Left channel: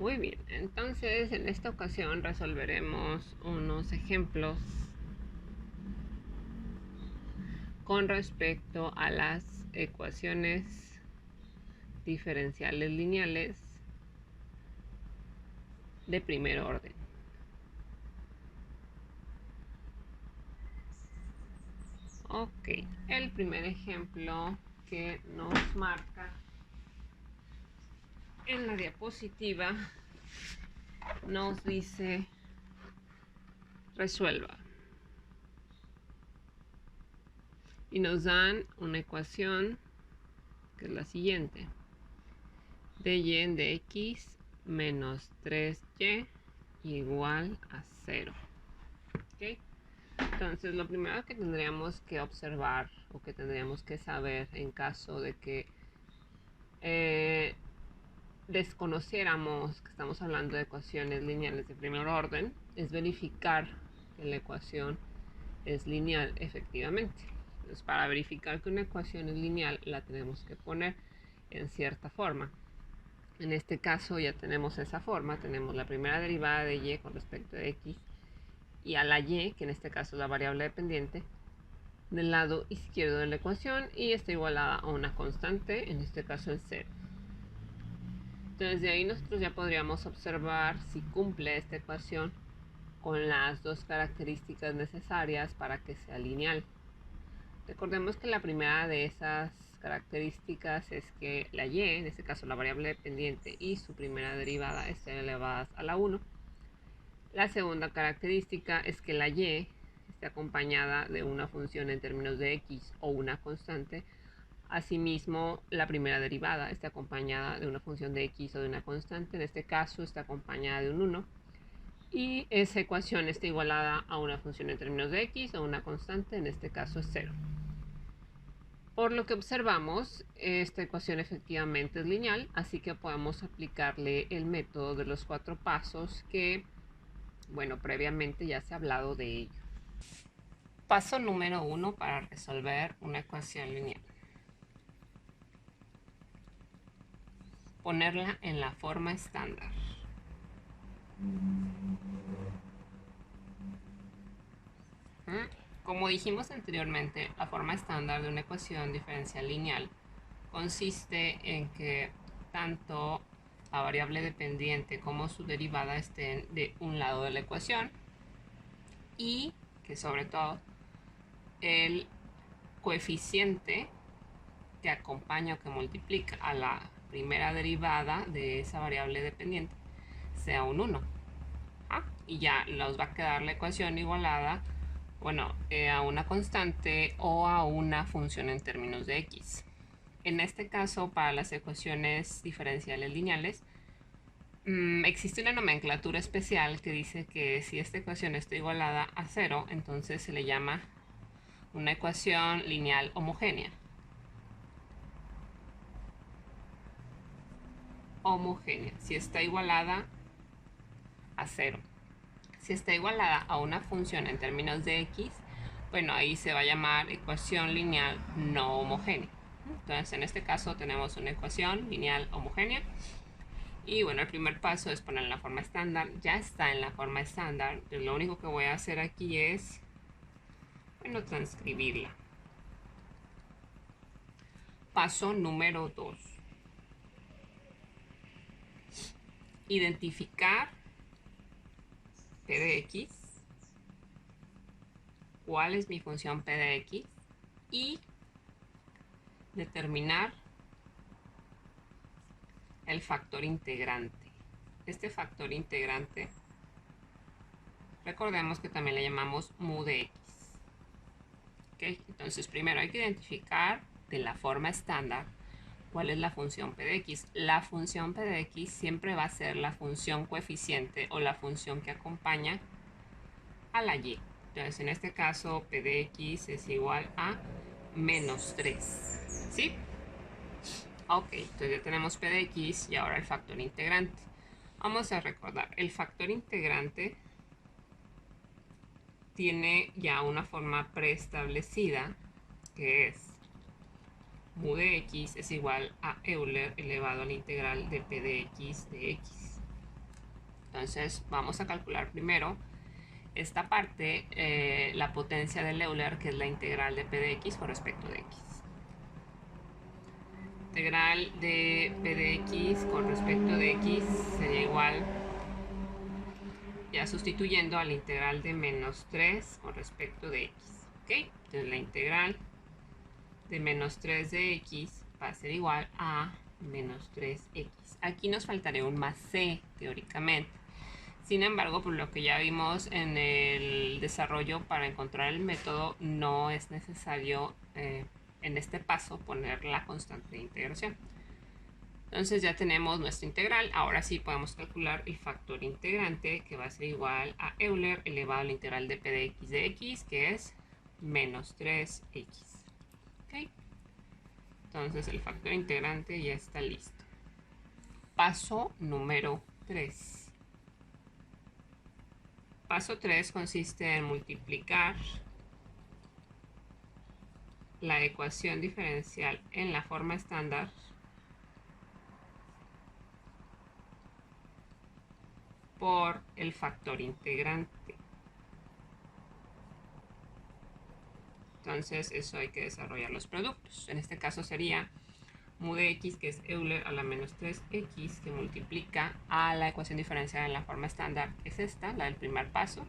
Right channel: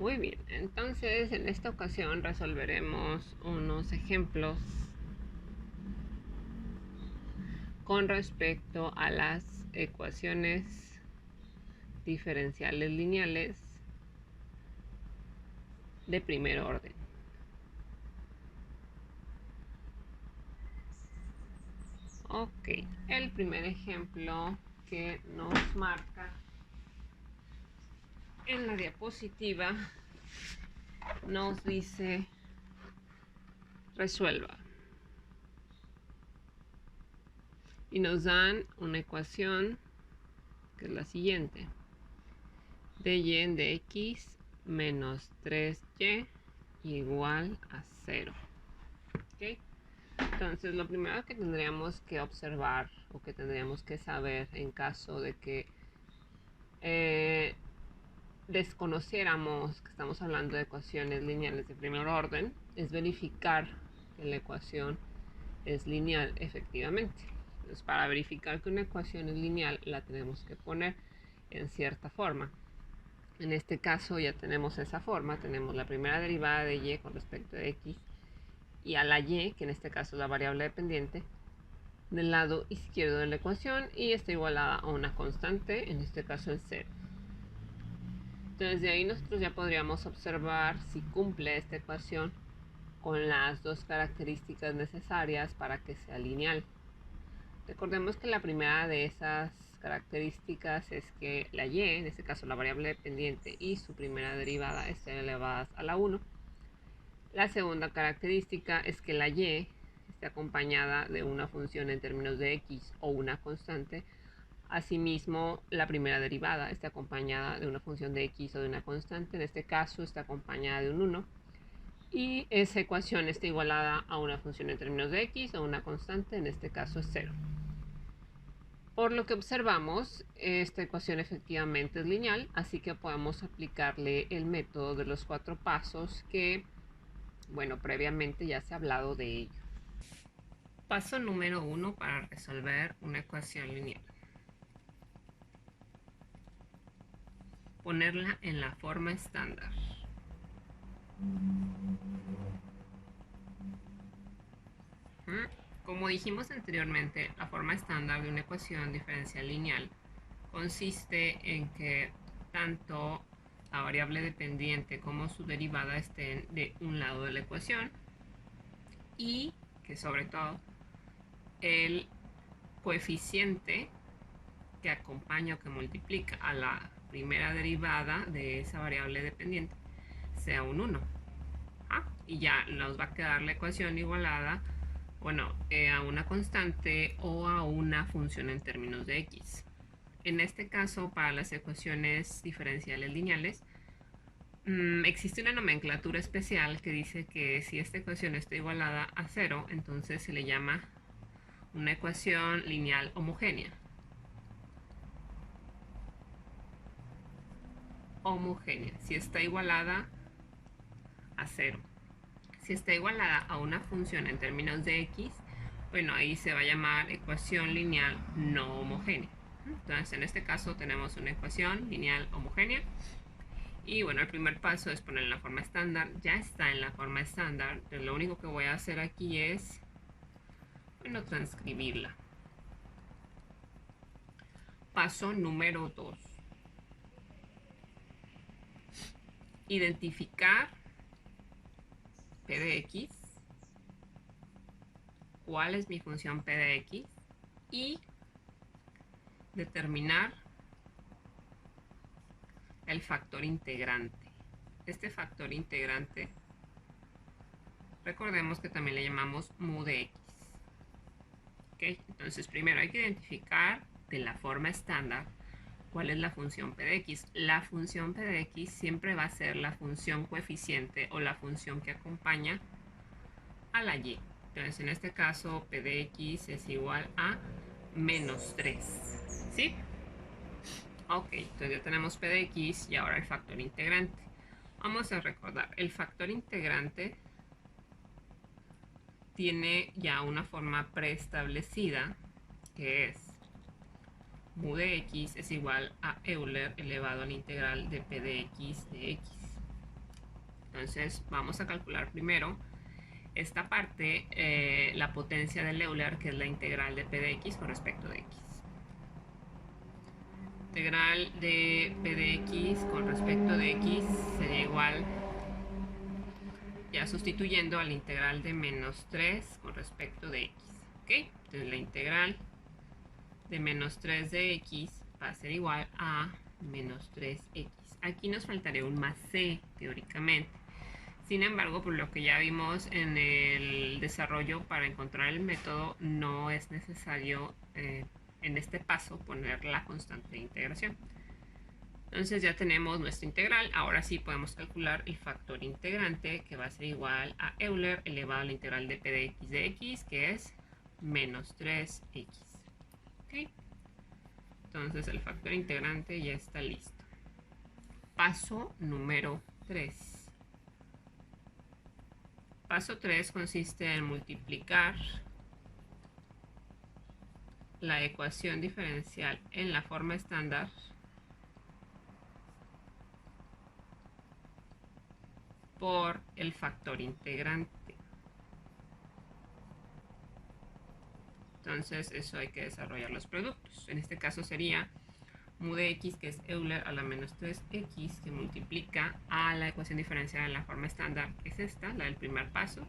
Muy bien, entonces en esta ocasión resolveremos unos ejemplos con respecto a las ecuaciones diferenciales lineales de primer orden. Ok, el primer ejemplo que nos marca en la diapositiva nos dice resuelva. Y nos dan una ecuación que es la siguiente. dy en dx menos 3y igual a 0. ¿Okay? Entonces lo primero que tendríamos que observar o que tendríamos que saber en caso de que desconociéramos que estamos hablando de ecuaciones lineales de primer orden es verificar que la ecuación es lineal efectivamente. Entonces, para verificar que una ecuación es lineal la tenemos que poner en cierta forma. En este caso ya tenemos esa forma, tenemos la primera derivada de y con respecto de x y a la y, que en este caso es la variable dependiente, del lado izquierdo de la ecuación y está igualada a una constante, en este caso el 0. Entonces de ahí nosotros ya podríamos observar si cumple esta ecuación con las dos características necesarias para que sea lineal. Recordemos que la primera de esas características es que la y, en este caso la variable dependiente, y su primera derivada estén elevadas a la 1. La segunda característica es que la y esté acompañada de una función en términos de x o una constante. Asimismo, la primera derivada está acompañada de una función de x o de una constante. En este caso está acompañada de un 1. Y esa ecuación está igualada a una función en términos de x o una constante. En este caso es 0. Por lo que observamos, esta ecuación efectivamente es lineal, así que podemos aplicarle el método de los 4 pasos que, bueno, previamente ya se ha hablado de ello. Paso número 1 para resolver una ecuación lineal. Ponerla en la forma estándar. Como dijimos anteriormente, la forma estándar de una ecuación diferencial lineal consiste en que tanto la variable dependiente como su derivada estén de un lado de la ecuación y que sobre todo el coeficiente que acompaña o que multiplica a la primera derivada de esa variable dependiente sea un 1. Y ya nos va a quedar la ecuación igualada, bueno, a una constante o a una función en términos de x. En este caso, para las ecuaciones diferenciales lineales, existe una nomenclatura especial que dice que si esta ecuación está igualada a 0, entonces se le llama una ecuación lineal homogénea. Si está igualada a 0. Si está igualada a una función en términos de x, bueno, ahí se va a llamar ecuación lineal no homogénea. Entonces, en este caso tenemos una ecuación lineal homogénea. Y bueno, el primer paso es poner en la forma estándar. Ya está en la forma estándar. Entonces, lo único que voy a hacer aquí es, bueno, transcribirla. Paso número 2. Identificar p de x. ¿Cuál es mi función p de x? Y determinar el factor integrante. Este factor integrante, recordemos que también le llamamos mu de x. ¿Okay? Entonces, primero hay que identificar de la forma estándar cuál es la función p de x. La función p de x siempre va a ser la función coeficiente o la función que acompaña a la y. Entonces, en este caso, p de x es igual a menos 3. ¿Sí? Ok, entonces ya tenemos p de x y ahora el factor integrante. Vamos a recordar, el factor integrante tiene ya una forma preestablecida que es mu de x es igual a Euler elevado a la integral de p de x de x. Entonces vamos a calcular primero esta parte, la potencia del Euler, que es la integral de p de x con respecto de x. Integral de p de x con respecto de x sería igual, ya sustituyendo a la integral de menos 3 con respecto de x. ¿Ok? Entonces la integral de menos 3 de x va a ser igual a menos 3x. Aquí nos faltaría un más c, teóricamente. Sin embargo, por lo que ya vimos en el desarrollo, para encontrar el método no es necesario en este paso poner la constante de integración. Entonces ya tenemos nuestra integral. Ahora sí podemos calcular el factor integrante, que va a ser igual a Euler elevado a la integral de p de x, que es menos 3x. ¿Okay? Entonces el factor integrante ya está listo. Paso número 3. Paso 3 consiste en multiplicar la ecuación diferencial en la forma estándar por el factor integrante. Entonces eso hay que desarrollar los productos. En este caso sería mu de x, que es Euler a la menos 3x, que multiplica a la ecuación diferencial en la forma estándar, que es esta, la del primer paso.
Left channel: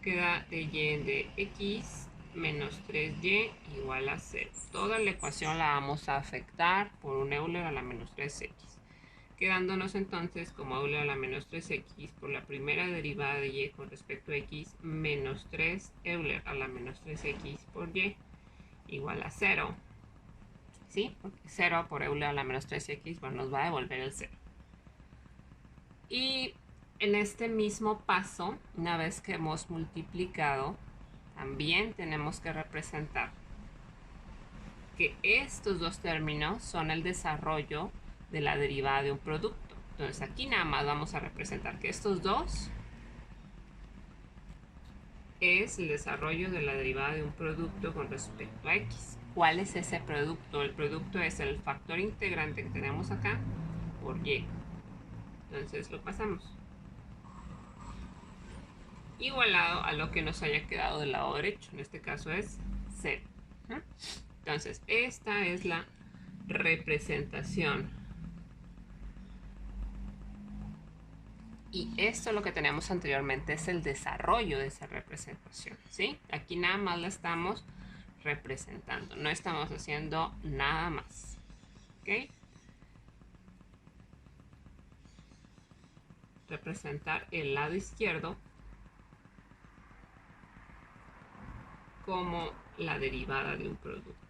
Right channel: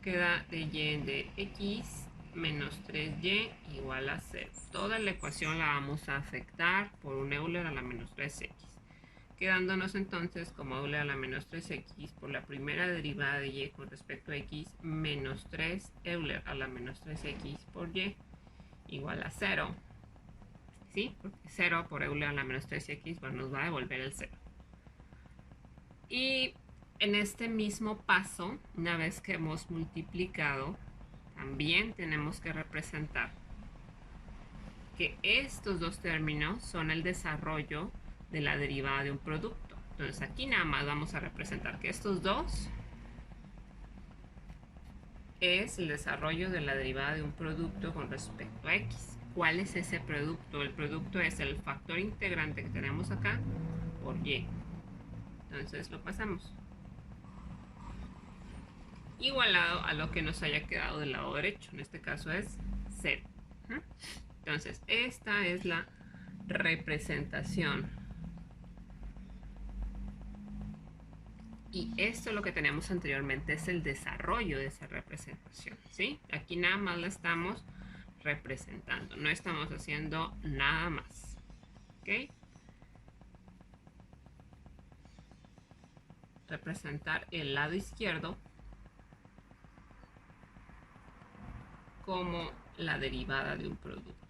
Queda de y de x menos 3y igual a 0. Toda la ecuación la vamos a afectar por un Euler a la menos 3x. Quedándonos entonces como Euler a la menos 3x por la primera derivada de y con respecto a x menos 3 Euler a la menos 3x por y igual a 0. ¿Sí? Porque 0 por Euler a la menos 3x, bueno, nos va a devolver el 0. Y en este mismo paso, una vez que hemos multiplicado, también tenemos que representar que estos dos términos son el desarrollo de la derivada de un producto. Entonces aquí nada más vamos a representar que estos dos es el desarrollo de la derivada de un producto con respecto a x. ¿Cuál es ese producto? El producto es el factor integrante que tenemos acá por y. Entonces lo pasamos igualado a lo que nos haya quedado del lado derecho. En este caso es 0. Entonces esta es la representación. Y esto lo que tenemos anteriormente es el desarrollo de esa representación, ¿sí? Aquí nada más la estamos representando, no estamos haciendo nada más, ¿ok? Representar el lado izquierdo como la derivada de un producto.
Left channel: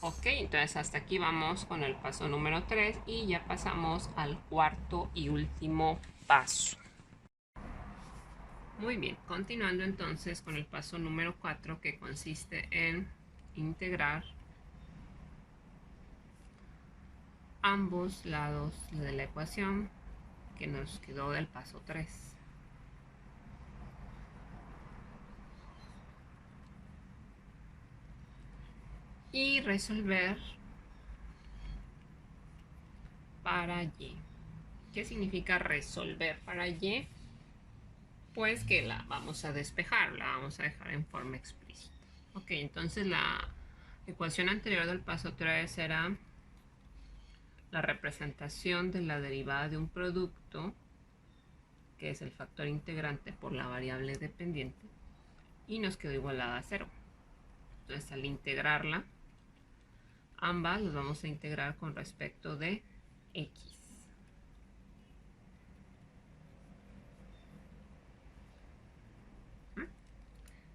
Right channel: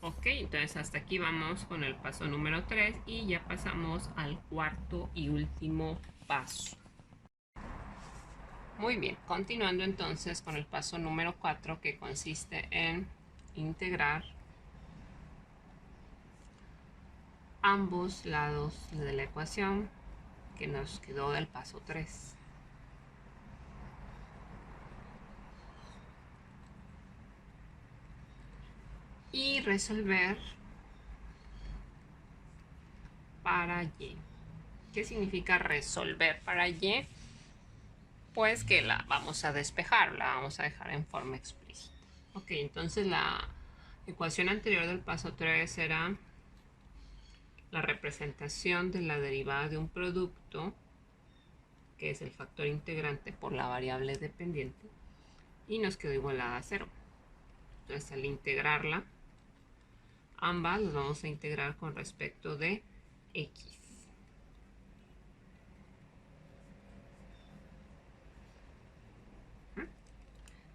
Ok, entonces hasta aquí vamos con el paso número 3 y ya pasamos al cuarto y último paso. Muy bien, continuando entonces con el paso número 4, que consiste en integrar ambos lados de la ecuación que nos quedó del paso 3. Y resolver para y. ¿Qué significa resolver para y? Pues que la vamos a despejar, la vamos a dejar en forma explícita. Ok, entonces la ecuación anterior del paso 3 era la representación de la derivada de un producto, que es el factor integrante por la variable dependiente, y nos quedó igualada a 0. Entonces al integrarla, ambas las vamos a integrar con respecto de x.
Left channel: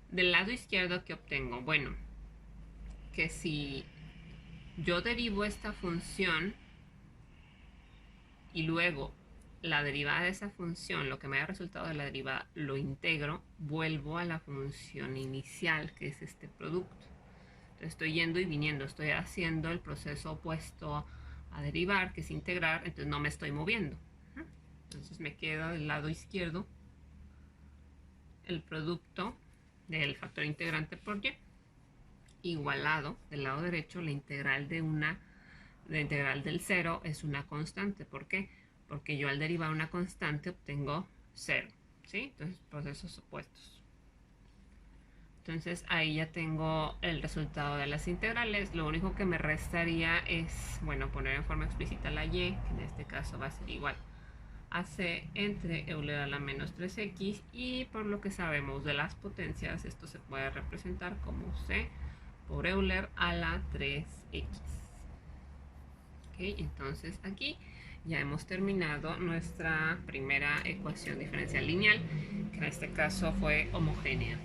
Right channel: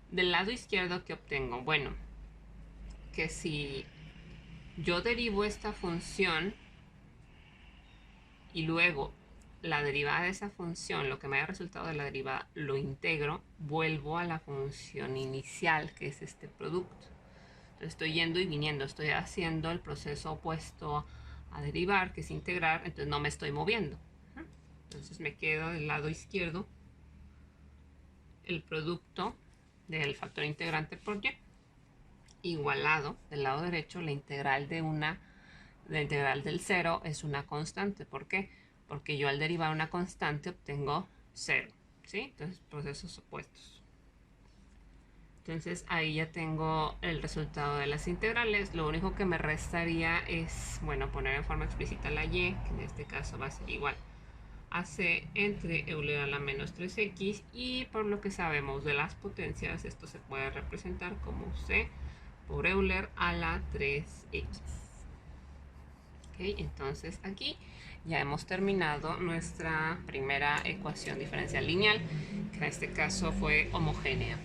Del lado izquierdo, ¿qué obtengo? Bueno, que si yo derivo esta función y luego la derivada de esa función, lo que me haya resultado de la derivada, lo integro, vuelvo a la función inicial, que es este producto. Entonces estoy yendo y viniendo, estoy haciendo el proceso opuesto a derivar, que es integrar, entonces no me estoy moviendo. Entonces me queda del lado izquierdo el producto del factor integrante por y, igualado del lado derecho la integral de una La integral del 0 es una constante. ¿Por qué? Porque yo al derivar una constante obtengo 0. ¿Sí? Entonces, procesos opuestos. Entonces ahí ya tengo el resultado de las integrales. Lo único que me restaría es, bueno, poner en forma explícita la y, que en este caso va a ser igual a c entre Euler a la menos 3x, y por lo que sabemos de las potencias, esto se puede representar como c por Euler a la 3x. ¿Okay? Entonces aquí ya hemos terminado nuestra primera ecuación diferencial lineal, que en este caso fue homogénea.